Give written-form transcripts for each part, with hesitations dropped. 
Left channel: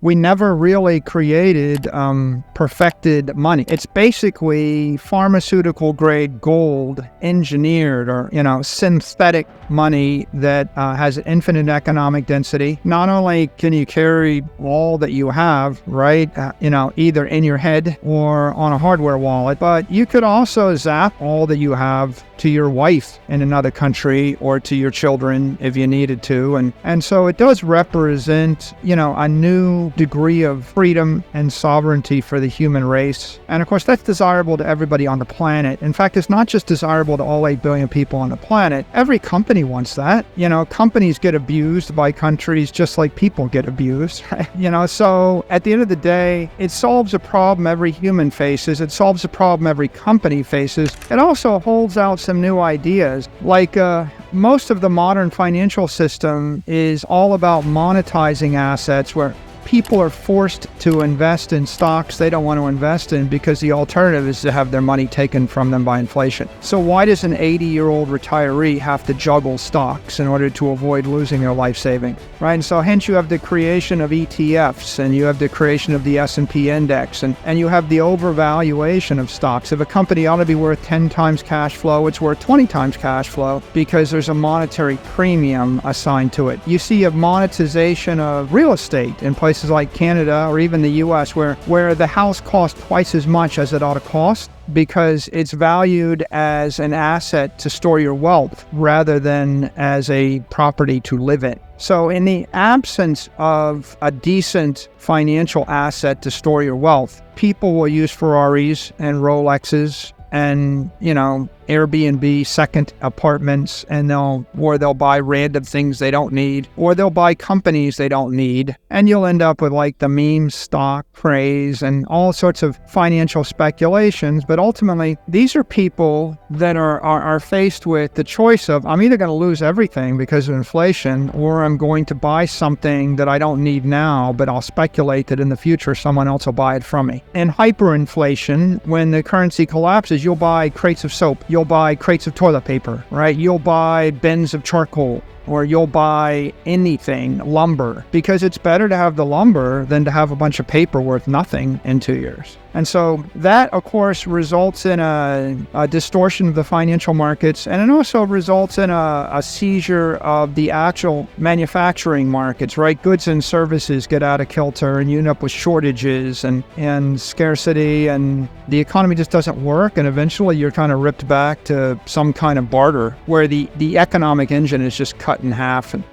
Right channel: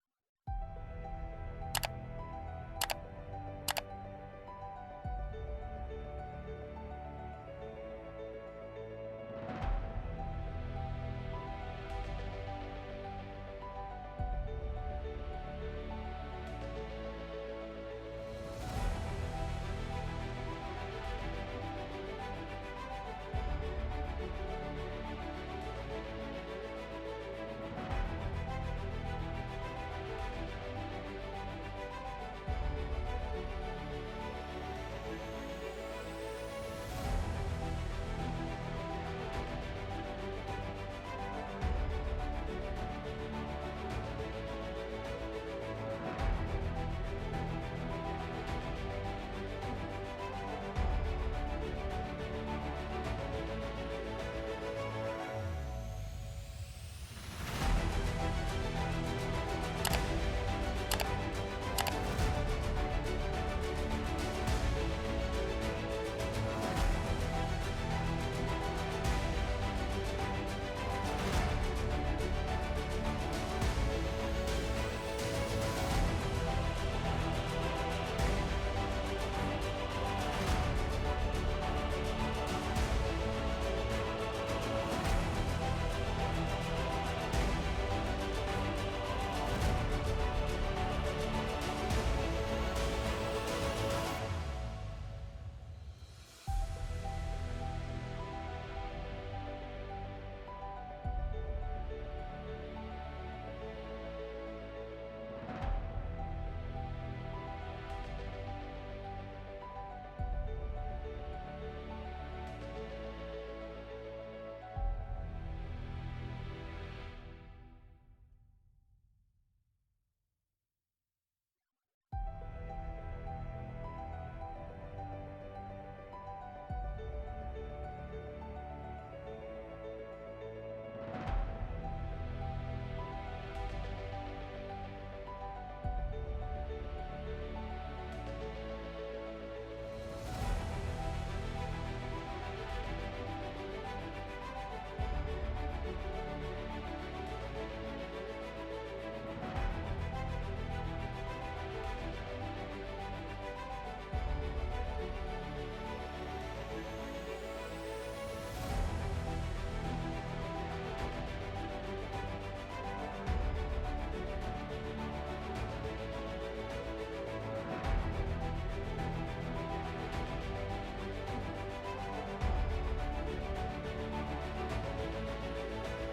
we never really created perfected money. It's basically pharmaceutical grade gold engineered or, synthetic money that has infinite economic density. Not only can you carry all that you have, right, either in your head or on a hardware wallet, but you could also zap all that you have to your wife in another country or to your children if you needed to. And so it does represent, a new degree of freedom and sovereignty for the human race. And of course, that's desirable to everybody on the planet. In fact, it's not just desirable to all 8 billion people on the planet. Every company wants that. Companies get abused by countries just like people get abused. So at the end of the day, it solves a problem every human faces. It solves a problem every company faces. It also holds out some new ideas. Like most of the modern financial system is all about monetizing assets where people are forced to invest in stocks they don't want to invest in because the alternative is to have their money taken from them by inflation. So why does an 80-year-old retiree have to juggle stocks in order to avoid losing their life savings, right? And so hence you have the creation of ETFs, and you have the creation of the S&P index, and you have the overvaluation of stocks. If a company ought to be worth 10 times cash flow, it's worth 20 times cash flow because there's a monetary premium assigned to it. You see a monetization of real estate in places like Canada or even the US where the house costs twice as much as it ought to cost because it's valued as an asset to store your wealth rather than as a property to live in. So in the absence of a decent financial asset to store your wealth, people will use Ferraris and Rolexes and, Airbnb second apartments, and they'll buy random things they don't need, or they'll buy companies they don't need, and you'll end up with like the meme stock craze and all sorts of financial speculations. But ultimately, these are people that are faced with the choice of, I'm either going to lose everything because of inflation, or I'm going to buy something that I don't need now, but I'll speculate that in the future someone else will buy it from me. In hyperinflation, when the currency collapses, you'll buy crates of soap, you'll buy crates of toilet paper, right? You'll buy bins of charcoal, or you'll buy anything, lumber, because it's better to have the lumber than to have a bunch of paper worth nothing in 2 years. And so that, of course, results in a distortion of the financial markets, and it also results in a seizure of the actual manufacturing markets, right? Goods and services get out of kilter, and you end up with shortages and scarcity, and the economy just doesn't work, and eventually you're kind of ripped back to some kind of barter where the economic engine is just cut in half. And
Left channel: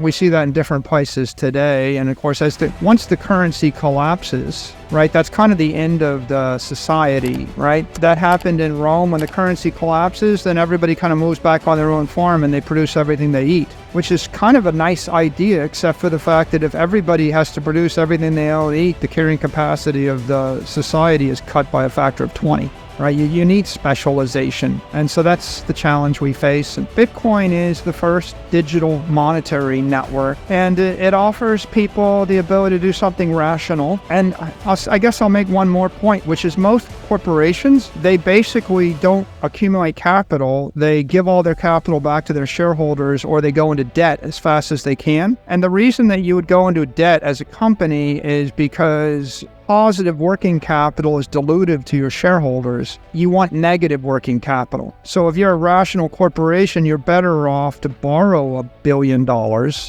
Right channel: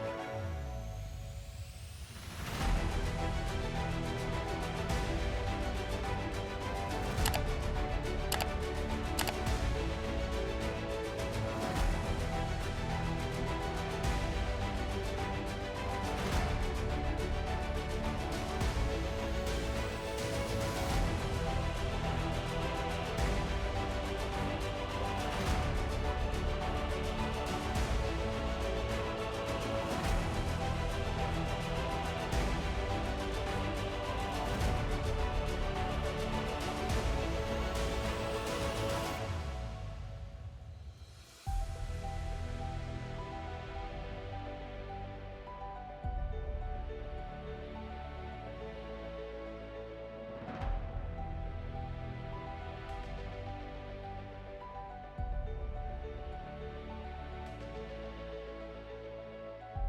we see that in different places today. And of course, once the currency collapses, right, that's kind of the end of the society, right? That happened in Rome. When the currency collapses, then everybody kind of moves back on their own farm and they produce everything they eat, which is kind of a nice idea, except for the fact that if everybody has to produce everything they all eat, the carrying capacity of the society is cut by a factor of 20. Right? You need specialization. And so that's the challenge we face. And Bitcoin is the first digital monetary network, and it offers people the ability to do something rational. And I guess I'll make one more point, which is most corporations, they basically don't accumulate capital. They give all their capital back to their shareholders, or they go into debt as fast as they can. And the reason that you would go into debt as a company is because positive working capital is dilutive to your shareholders. You want negative working capital. So if you're a rational corporation, you're better off to borrow $1 billion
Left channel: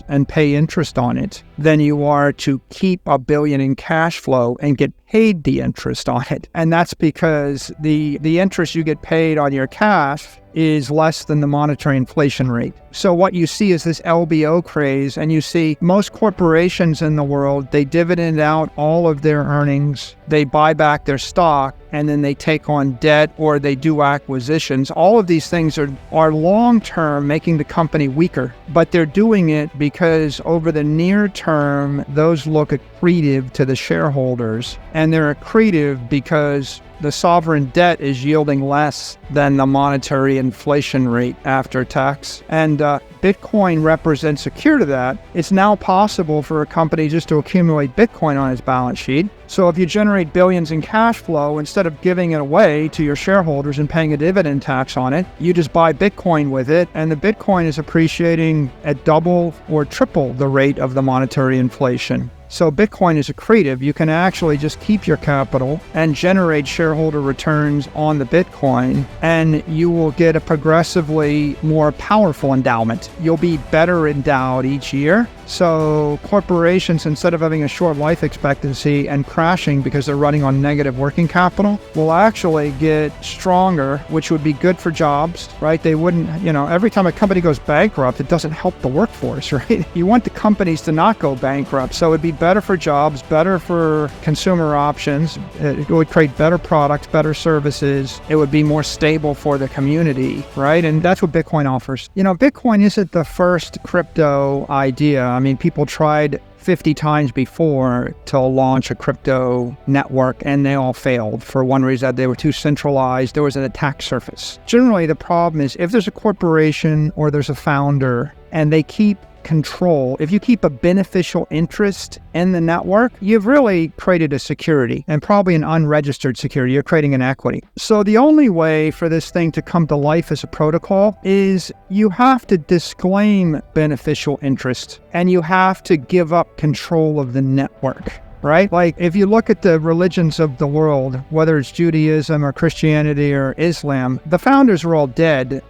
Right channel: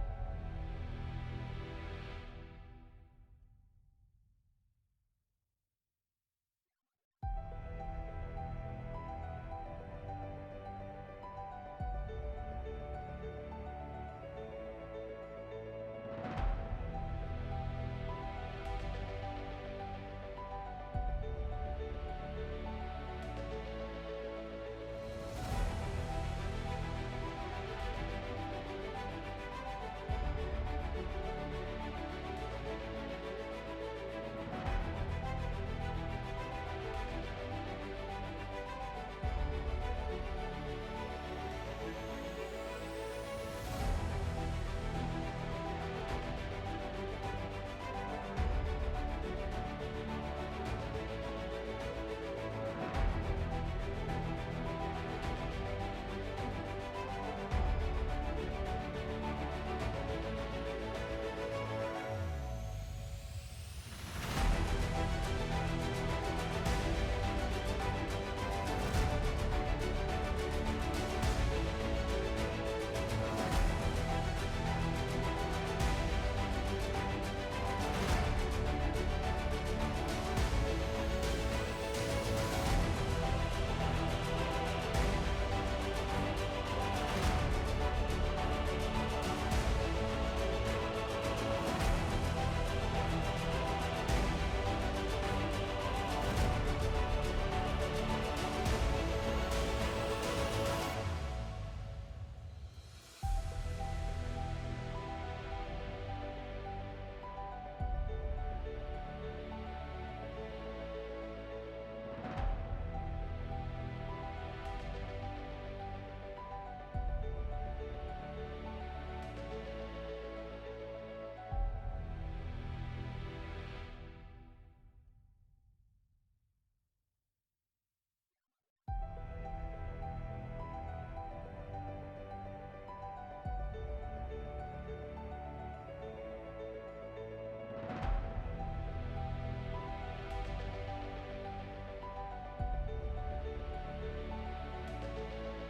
and pay interest on it than you are to keep $1 billion in cash flow and get paid the interest on it. And that's because the interest you get paid on your cash is less than the monetary inflation rate. So what you see is this LBO craze, and you see most corporations in the world, they dividend out all of their earnings, they buy back their stock, and then they take on debt or they do acquisitions. All of these things are long-term making the company weaker, but they're doing it because over the near term, those look accretive to the shareholders, and they're accretive because the sovereign debt is yielding less than the monetary inflation rate after tax. And Bitcoin represents a cure to that. It's now possible for a company just to accumulate Bitcoin on its balance sheet. So if you generate billions in cash flow, instead of giving it away to your shareholders and paying a dividend tax on it, you just buy Bitcoin with it, and the Bitcoin is appreciating at double or triple the rate of the monetary inflation. So Bitcoin is accretive. You can actually just keep your capital and generate shareholder returns on the Bitcoin, and you will get a progressively more powerful endowment. You'll be better endowed each year. So corporations, instead of having a short life expectancy and crashing because they're running on negative working capital, will actually get stronger, which would be good for jobs, right? They wouldn't, every time a company goes bankrupt, it doesn't help the workforce, right? You want the companies to not go bankrupt. So it'd be better for jobs, better for consumer options. It would create better products, better services. It would be more stable for the community, right? And that's what Bitcoin offers. Bitcoin isn't the first crypto idea. I mean, people tried 50 times before to launch a crypto network, and they all failed for one reason: they were too centralized. There was an attack surface. Generally, the problem is if there's a corporation or there's a founder and they keep control, if you keep a beneficial interest in the network, you've really created a security, and probably an unregistered security. You're creating an equity. So the only way for this thing to come to life as a protocol is you have to disclaim beneficial interest, and you have to give up control of the network. Right? Like if you look at the religions of the world, whether it's Judaism or Christianity or Islam, the founders are all dead.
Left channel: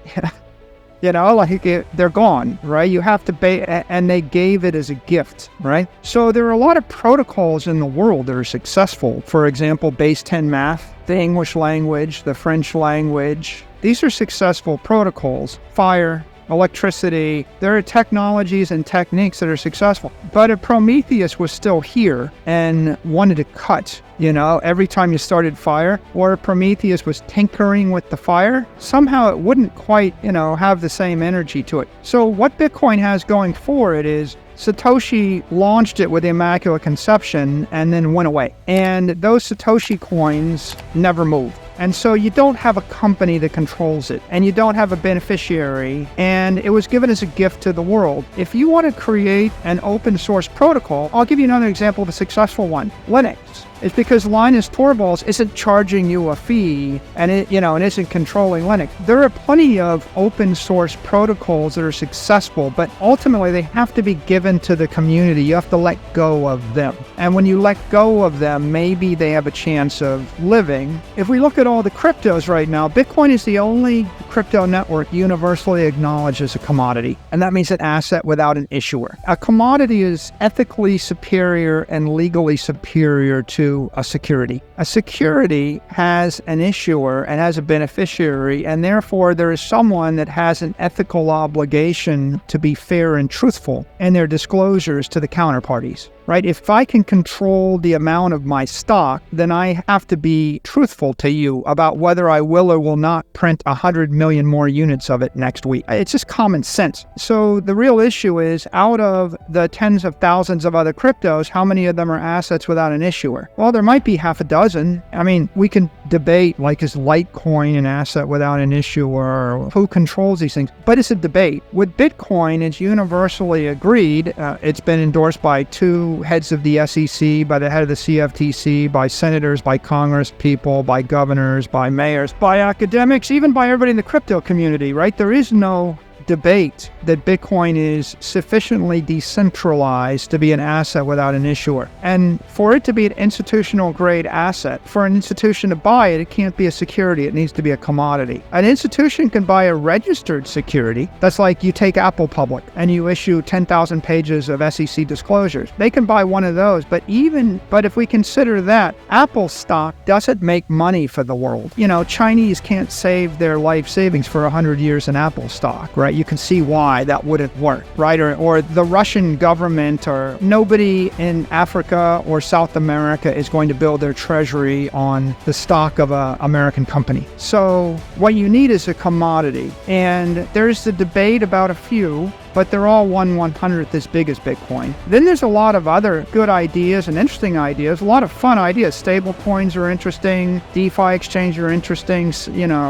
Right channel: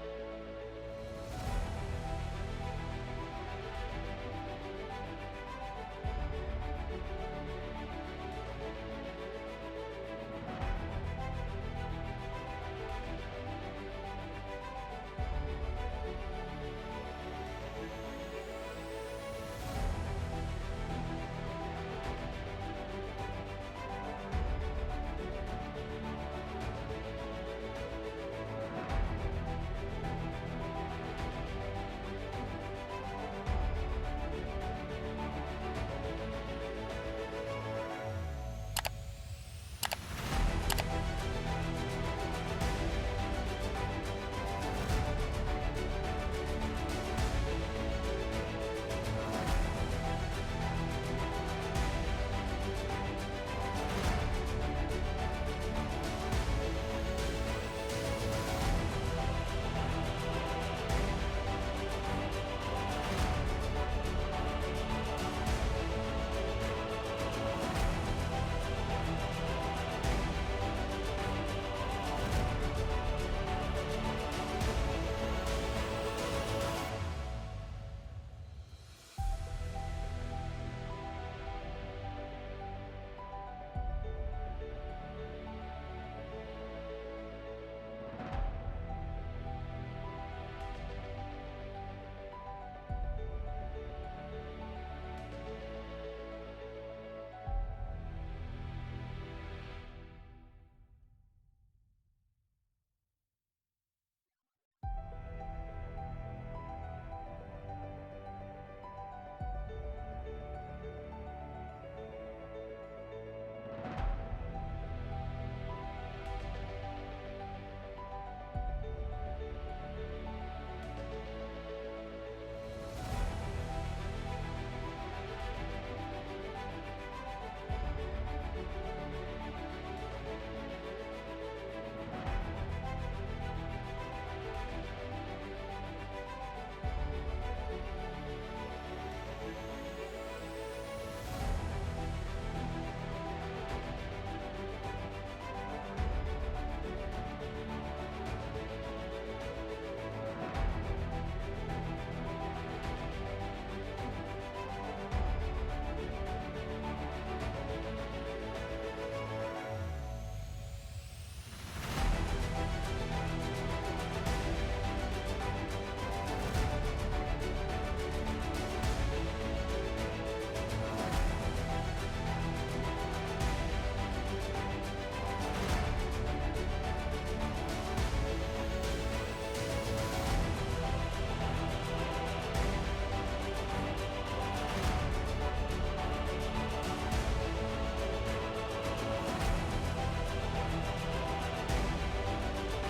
They're gone, right? You have to pay, and they gave it as a gift, right? So there are a lot of protocols in the world that are successful. For example, base 10 math, the English language, the French language. These are successful protocols. Fire, electricity, there are technologies and techniques that are successful. But if Prometheus was still here and wanted to cut, every time you started fire, or if Prometheus was tinkering with the fire, somehow it wouldn't quite, have the same energy to it. So what Bitcoin has going for it is Satoshi launched it with the Immaculate Conception and then went away. And those Satoshi coins never moved. And so you don't have a company that controls it, and you don't have a beneficiary, and it was given as a gift to the world. If you want to create an open source protocol, I'll give you another example of a successful one, Linux. It's because Linus Torvalds isn't charging you a fee and it isn't controlling Linux. There are plenty of open source protocols that are successful, but ultimately they have to be given to the community. You have to let go of them. And when you let go of them, maybe they have a chance of living. If we look at all the cryptos right now, Bitcoin is the only crypto network universally acknowledged as a commodity. And that means an asset without an issuer. A commodity is ethically superior and legally superior to a security. A security has an issuer and has a beneficiary, and therefore there is someone that has an ethical obligation to be fair and truthful in their disclosures to the counterparties. Right? If I can control the amount of my stock, then I have to be truthful to you about whether I will or will not print 100 million more units of it next week. It's just common sense. So the real issue is, out of the tens of thousands of other cryptos, how many of them are assets without an issuer? Well, there might be half a dozen. I mean, we can debate, like, is Litecoin an asset without an issuer? Or who controls these things? But it's a debate. With Bitcoin, it's universally agreed. It's been endorsed by two heads of the SEC, by the head of the CFTC, by senators, by Congress people, by governors, by mayors, by academics, even by everybody in the crypto community, right? There is no debate that Bitcoin is sufficiently decentralized to be an asset without an issuer. And for it to be an institutional grade asset, for an institution to buy it, it can't be a security. It needs to be a commodity. An institution can buy a registered security. That's like you take Apple public and you issue 10,000 pages of SEC disclosures. They can buy one of those. But if we consider that, Apple stock doesn't make money for the world. Chinese can't save their life savings for 100 years in Apple stock, right? You can see why that wouldn't work, right? Or the Russian government, or nobody in Africa or South America is going to build their treasury on the stock of an American company. So what you need is a commodity. And there's the debate about a few, but they're all 1/100th as big as Bitcoin. Then there's a lot of other good ideas and interesting ideas, a lot of fun ideas. Stable coins are interesting, DeFi exchanges are interesting,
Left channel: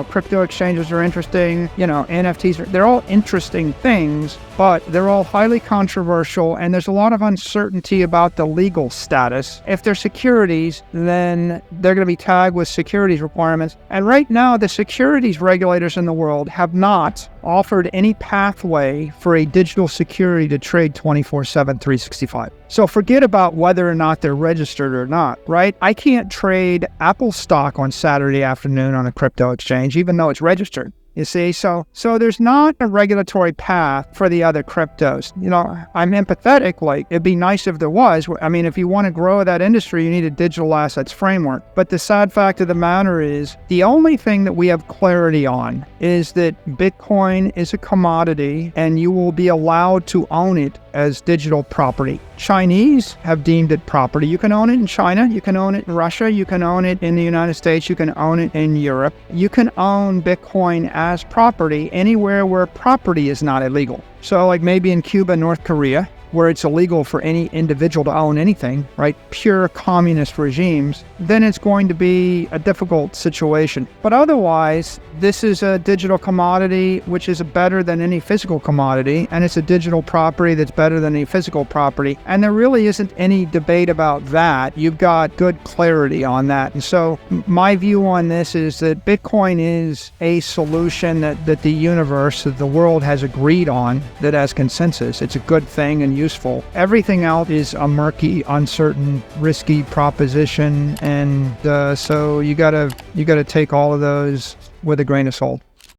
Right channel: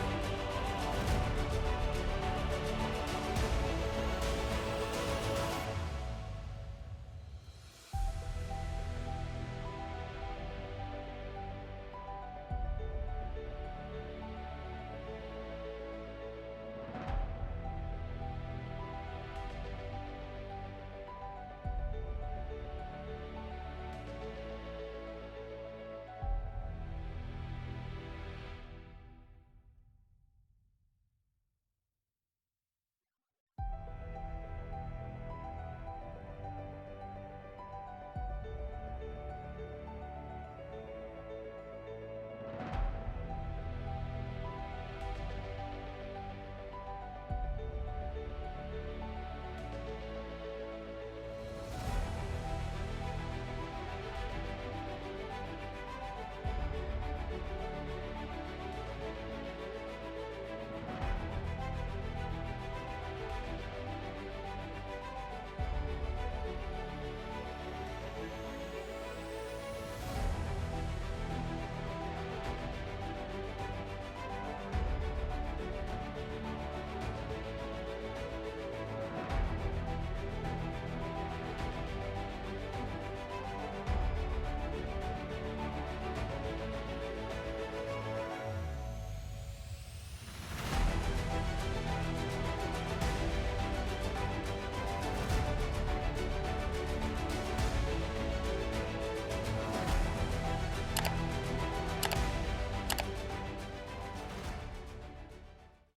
crypto exchanges are interesting, NFTs, they're all interesting things, but they're all highly controversial, and there's a lot of uncertainty about the legal status. If they're securities, then they're going to be tagged with securities requirements. And right now, the securities regulators in the world have not offered any pathway for a digital security to trade 24/7, 365. So forget about whether or not they're registered or not, right? I can't trade Apple stock on Saturday afternoon on a crypto exchange, even though it's registered. You see, so there's not a regulatory path for the other cryptos. I'm empathetic, like it'd be nice if there was. I mean, if you want to grow that industry, you need a digital assets framework. But the sad fact of the matter is the only thing that we have clarity on is that Bitcoin is a commodity and you will be allowed to own it as digital property. Chinese have deemed it property. You can own it in China, you can own it in Russia, you can own it in the United States, you can own it in Europe. You can own Bitcoin as property anywhere where property is not illegal. So like maybe in Cuba, North Korea, where it's illegal for any individual to own anything, right? Pure communist regimes, then it's going to be a difficult situation. But otherwise, this is a digital commodity which is better than any physical commodity, and it's a digital property that's better than any physical property. And there really isn't any debate about that. You've got good clarity on that. And so my view on this is that Bitcoin is a solution that the universe, that the world has agreed on, that as consensus, it's a good thing and useful. Everything else is a murky, uncertain, risky proposition, and so you gotta take all of those with a grain of salt.